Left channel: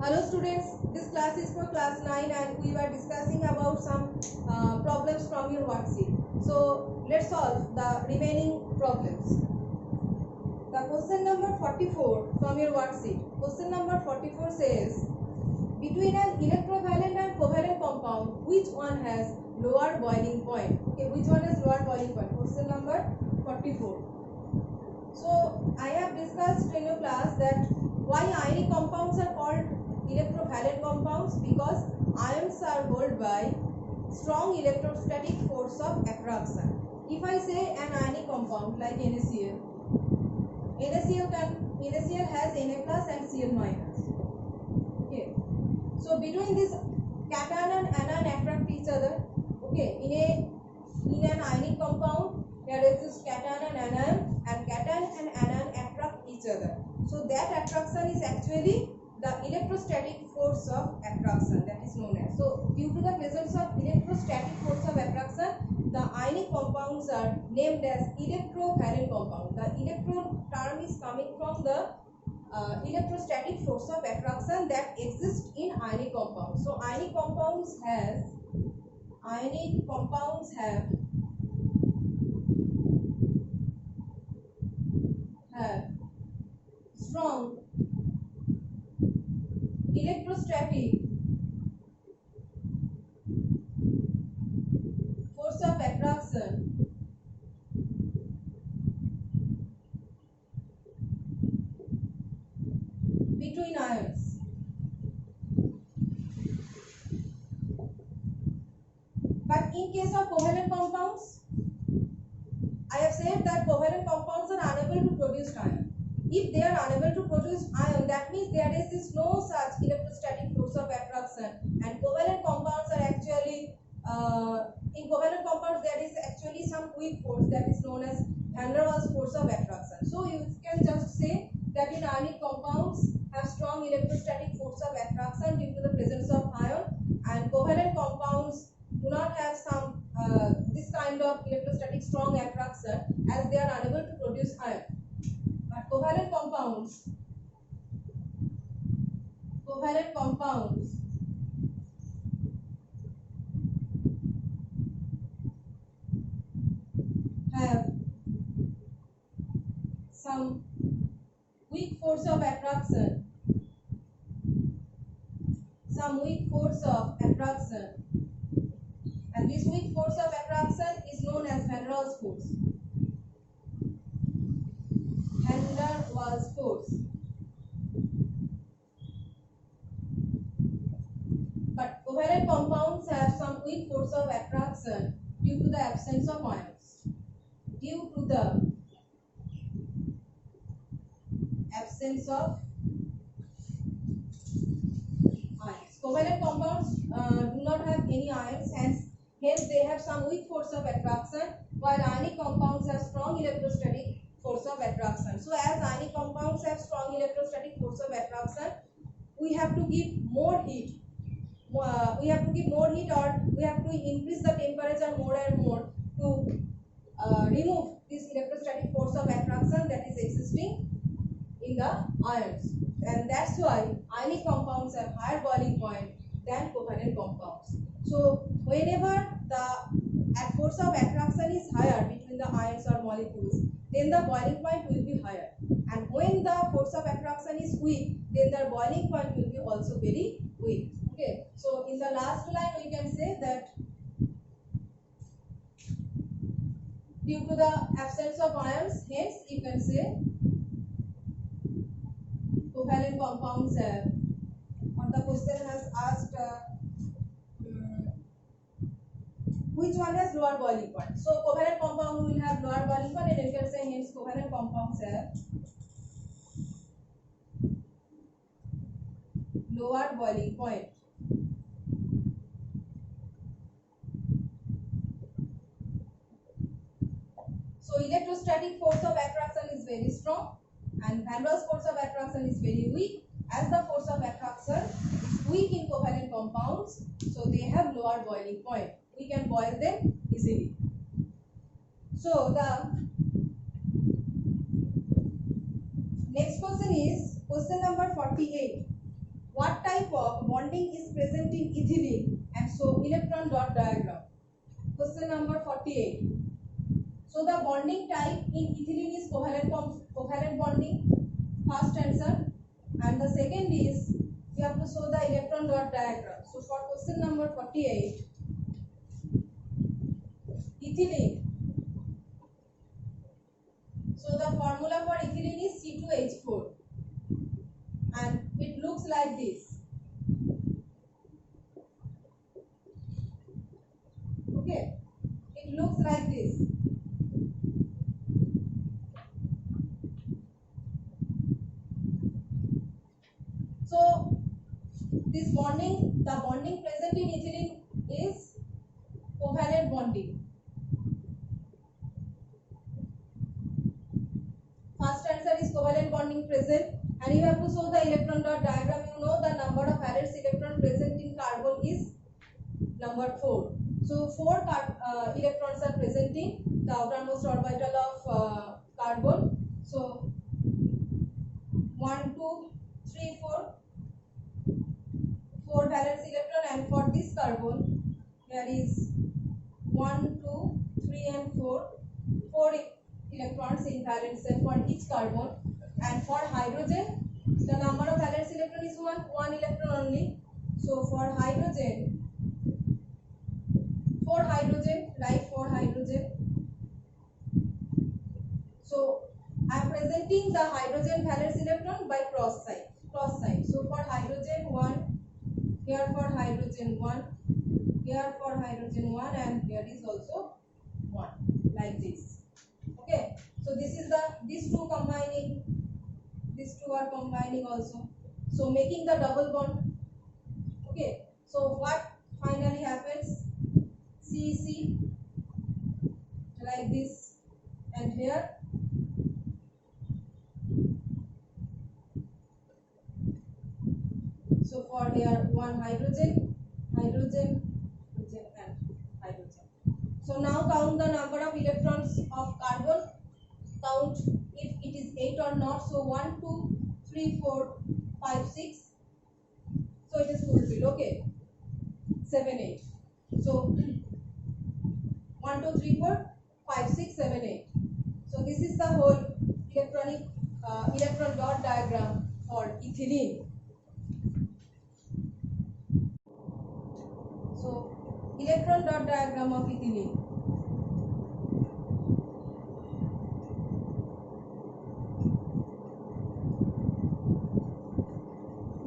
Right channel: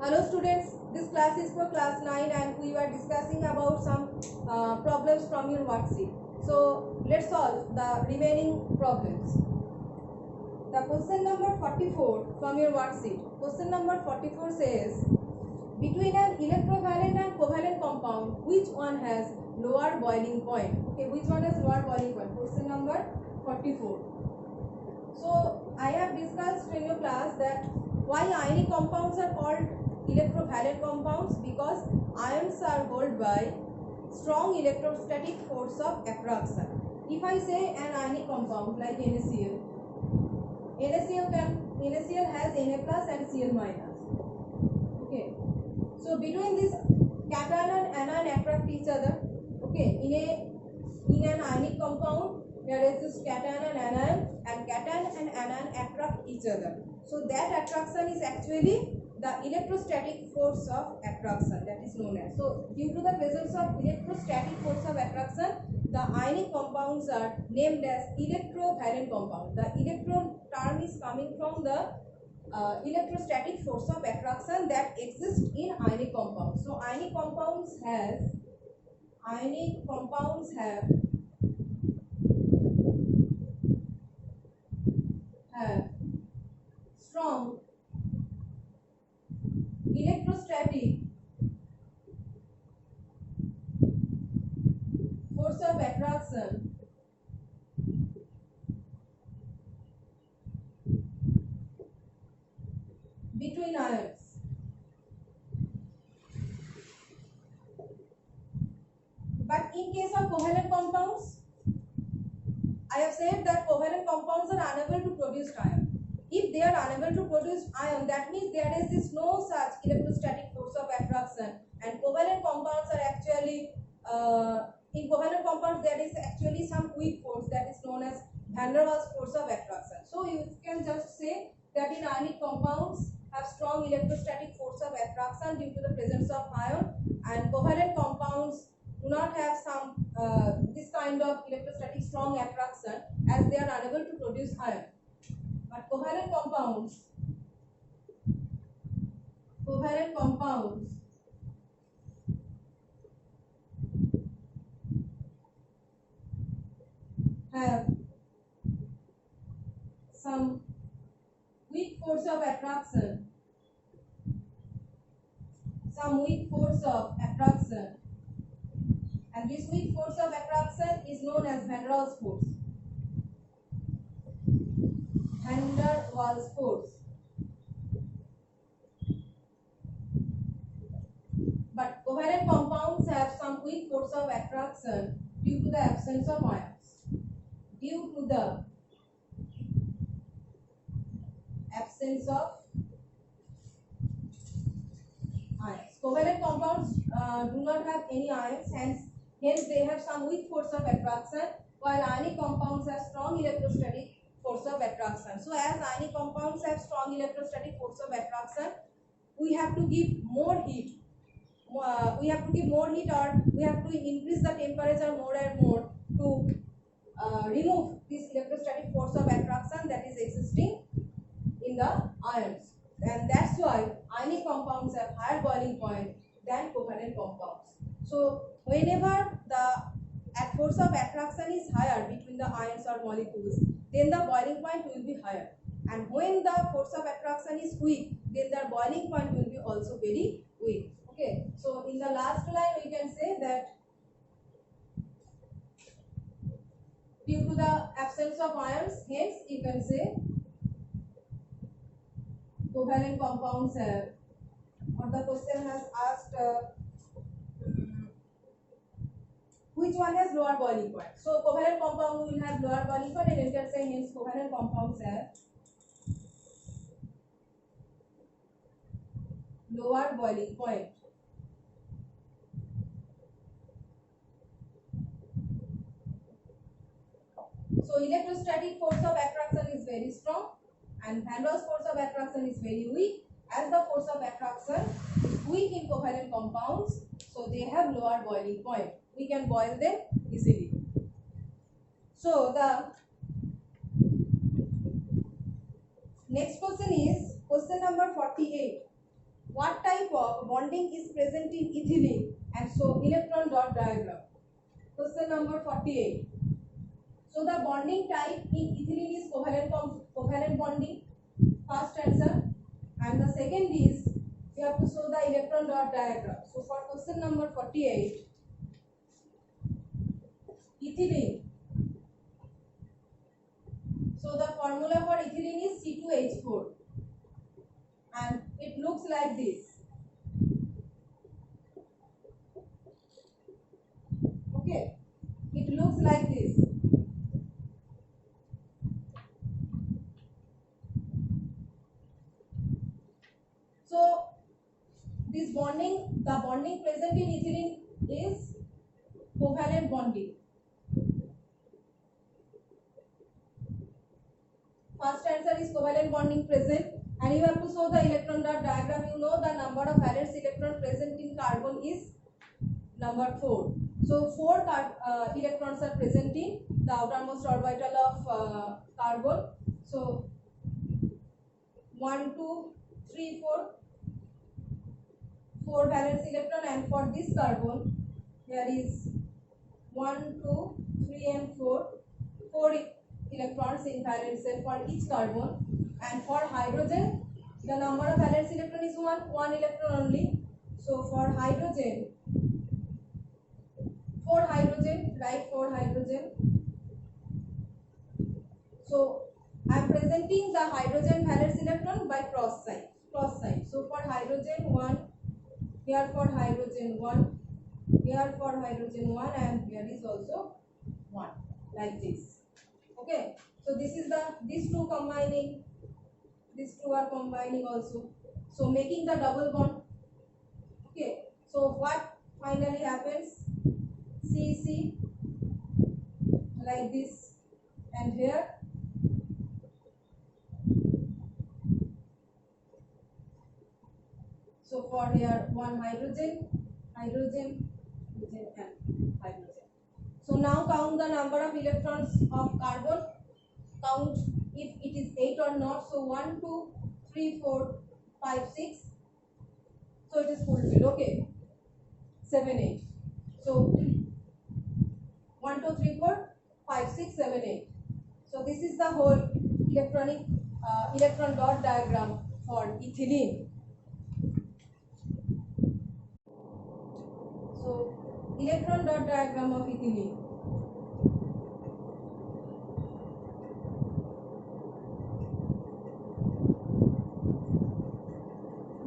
Hello students, this class is for class 9 and we were discussing about some problems from your worksheet. So let's solve the remaining problems. The question number 44 from your worksheet. Question number 44 says, between an electrovalent and covalent compound, which one has lower boiling point? Okay, which one has lower boiling point? Question number 44. So I have discussed in your class that why ionic compounds are called electrovalent compounds, because ions are held by strong electrostatic force of attraction. If I say an ionic compound like NaCl, NaCl has Na plus and Cl minus. Okay, so between this cation and anion attract each other. Okay, in an ionic compound there exists cation and anion attract each other. So that attraction is actually the electrostatic force of attraction, that is known as. So due to the presence of electrostatic force of attraction, the ionic compounds are named as electrovalent compound. The electron term is coming from the electrostatic force of attraction that exists in ionic compounds. So ionic compounds have strong electrostatic force of attraction between ions. But in case of covalent compounds, I have said that covalent compounds are unable to produce ion. If they are unable to produce ion, that means there is no such electrostatic force of attraction, and covalent compounds are actually in covalent compounds there is actually some weak force that is known as van der Waals force of attraction. So you can just say that in ionic compounds have strong electrostatic force of attraction due to the presence of ion, and covalent compounds do not have some this kind of electrostatic strong attraction as they are unable to produce ion. But covalent compounds have some weak force of attraction, and this weak force of attraction is known as van der Waals force. Van der Waals force. But covalent compounds have some weak force of attraction due to the absence of ions. Due to the absence of ions. Covalent compounds do not have any ions, hence they have some weak force of attraction, while ionic compounds have strong electrostatic force of attraction. So as ionic compounds have strong electrostatic force of attraction, we have to give more heat. Or we have to increase the temperature more and more to remove this electrostatic force of attraction that is existing in the ions, and that's why ionic compounds have higher boiling point than covalent compounds. So whenever the force of attraction is higher between the ions or molecules, then the boiling point will be higher, and when the force of attraction is weak, then the boiling point will be also very weak. Okay, so in the last line we can say that due to the absence of ions, hence you can say covalent compounds have, or the question has asked which one has lower boiling point. So covalent compound will have lower boiling point, and you can say hence covalent compounds have lower boiling point. So electrostatic force of attraction is very strong and van der Waals force of attraction is very weak. As the force of attraction is weak in covalent compounds, so they have lower boiling point. We can boil them easily. So the next question is question number 48. what type of bonding is present in ethylene, and so electron dot diagram. Question number 48. So the bonding type in ethylene is covalent bonding. First answer. And the second is we have to show the electron dot diagram. So for question number 48, ethylene. So the formula for ethylene is C2H4 and it looks like this. Okay, it looks like this. So this bonding, the bonding present in ethylene is covalent bonding. First answer is covalent bonding present, and you have to show the electron dot diagram. You know the number of valence electron present in carbon is number 4. So 4 electrons are present in the outermost orbital of carbon. So 1, 2, 3, 4. 4 valence electron, and for this carbon there is 1, 2, 3 and 4. 4 electrons in valence shell for each carbon, and for hydrogen the number of valence electron is 1 electron only. So for hydrogen, 4 hydrogen, write 4 hydrogen. So I am presenting the hydrogen valence electron by cross side. So for hydrogen 1, here for hydrogen 1, here for hydrogen 1, and here is also 1, like this. Okay, so this is these two combining, these two are combining also, so making the double bond. Okay, so what finally happens? CC like this, and here so for here 1 hydrogen, hydrogen, hydrogen and hydrogen. So now count the number of electrons of carbon, count if it is 8 or not. So 1, 2, 3, 4, 5, 6. So it is fulfilled. Okay, 7, 8. So 1, 2, 3, 4, 5, 6, 7, 8. So this is the whole electron dot diagram for ethylene. So electron dot diagram of ethylene.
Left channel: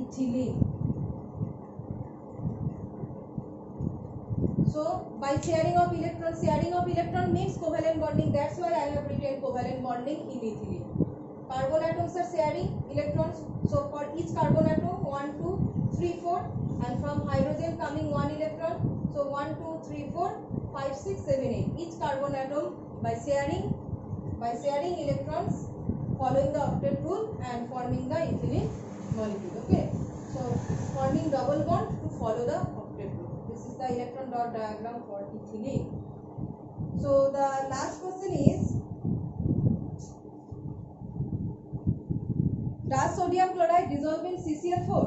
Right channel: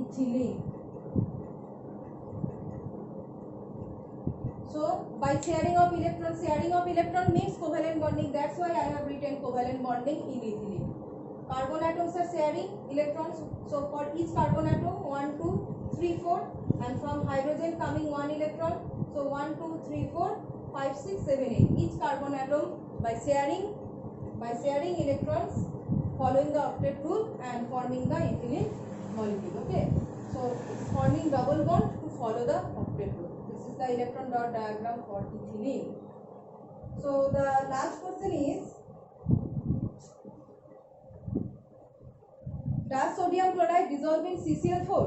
Ethylene. So by sharing of electron means covalent bonding. That's why I have written covalent bonding in ethylene. Carbon atoms are sharing electrons. So for each carbon atom 1, 2, 3, 4, and from hydrogen coming 1 electron. So 1, 2, 3, 4, 5, 6, 7, 8. Each carbon atom by sharing electrons, following the octet rule and forming the ethylene molecule. Okay. So forming double bond to follow the octet rule. This is the electron dot diagram for ethylene. So the last question is, does sodium chloride dissolve in CCl4?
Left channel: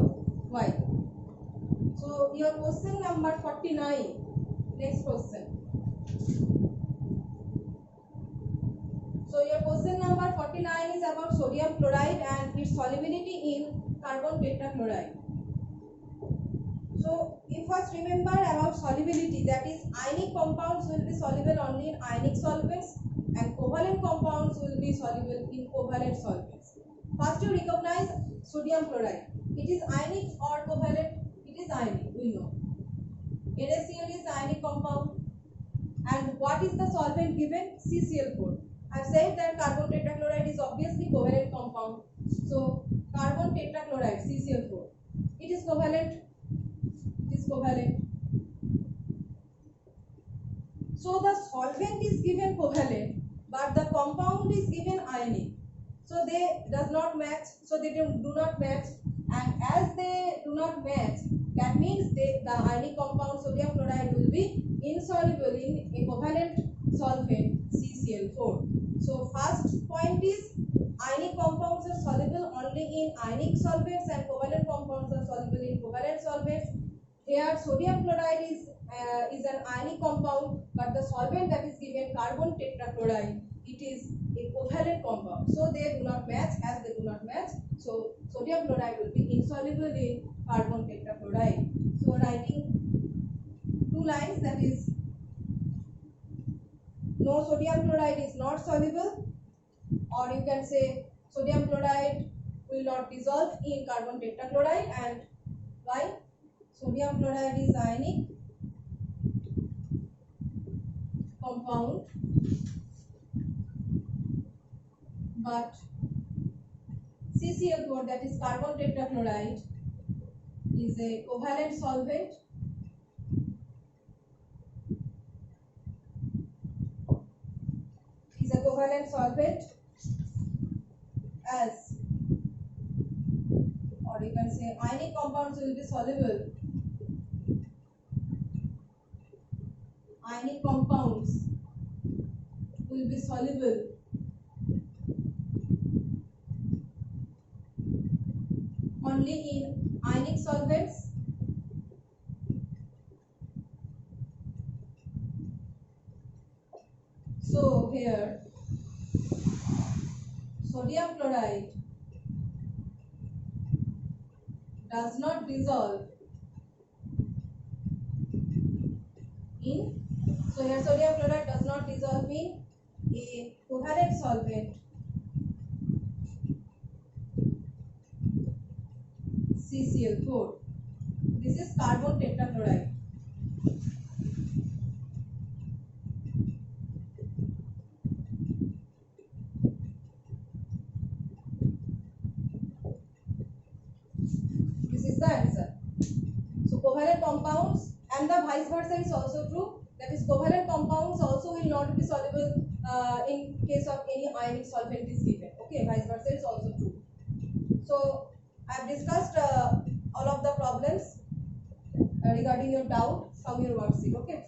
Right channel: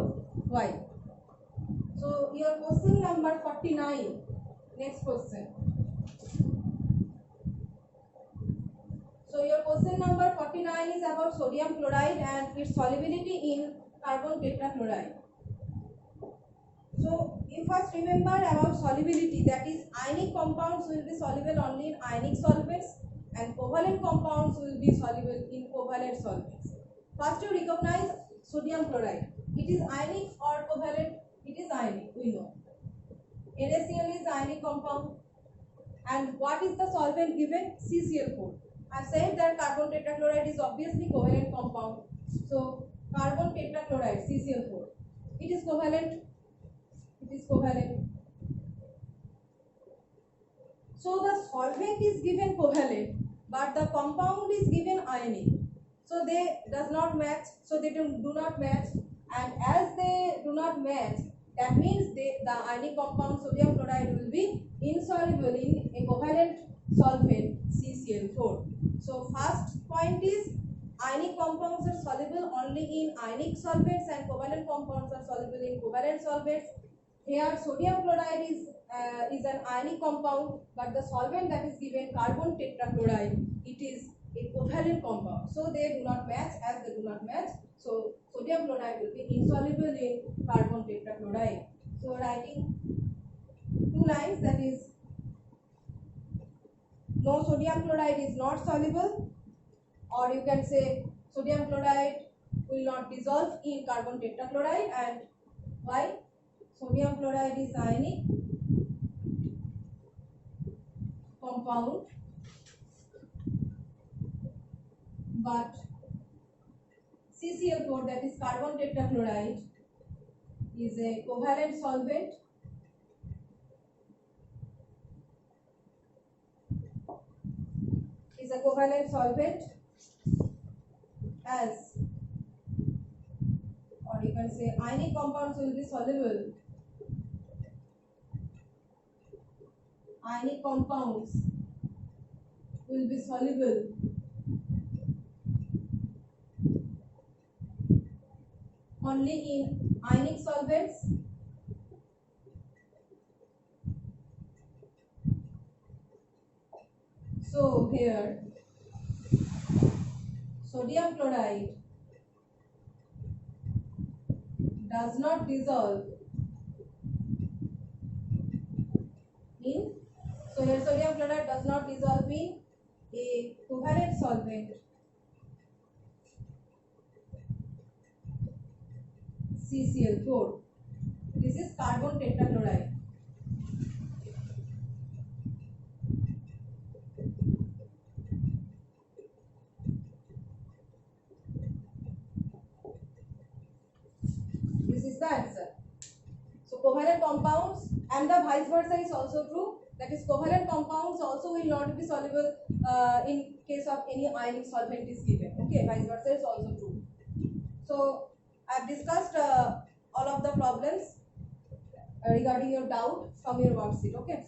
Why? So your question number 49. Next question. So your question number 49 is about sodium chloride and its solubility in carbon tetrachloride. So you first remember about solubility, that is ionic compounds will be soluble only in ionic solvents and covalent compounds will be soluble in covalent solvents. First you recognize sodium chloride. It is ionic or covalent? It is ionic, we know. NaCl is ionic compound. And what is the solvent given? CCl4. I said that carbon tetrachloride is obviously covalent compound. So carbon tetrachloride CCl4. It is covalent. It is covalent. So the solvent is given covalent, but the compound is given ionic. So they does not match. So they do not match. And as they do not match, that means the ionic compound sodium chloride will be insoluble in a covalent solvent CCl4. So first point is ionic compounds are soluble only in ionic solvents and covalent compounds are soluble in covalent solvents. Here sodium chloride is an ionic compound, but the solvent that is given, carbon tetrachloride, it is a covalent compound. So they do not match. As they do not match, so sodium chloride will be insoluble in carbon tetrachloride. So writing two lines, that is, no, sodium chloride is not soluble, or you can say sodium chloride will not dissolve in carbon tetrachloride. And why? Sodium chloride is ionic compound, but CCl4, that is carbon tetrachloride, is a covalent solvent. Is a covalent solvent, as, or you can say ionic compounds will be soluble. Ionic compounds will be soluble only in ionic solvents. So here sodium chloride does not dissolve in, so here sodium chloride does not dissolve in a covalent solvent CCl4. This is carbon tetrachloride. This is the answer. So covalent compounds, and the vice versa is also true. That is, covalent compounds also will not be soluble in case of any ionic solvent is given. Okay, vice versa is also true. So I have discussed all of the problems regarding your doubt from your worksheet. Okay.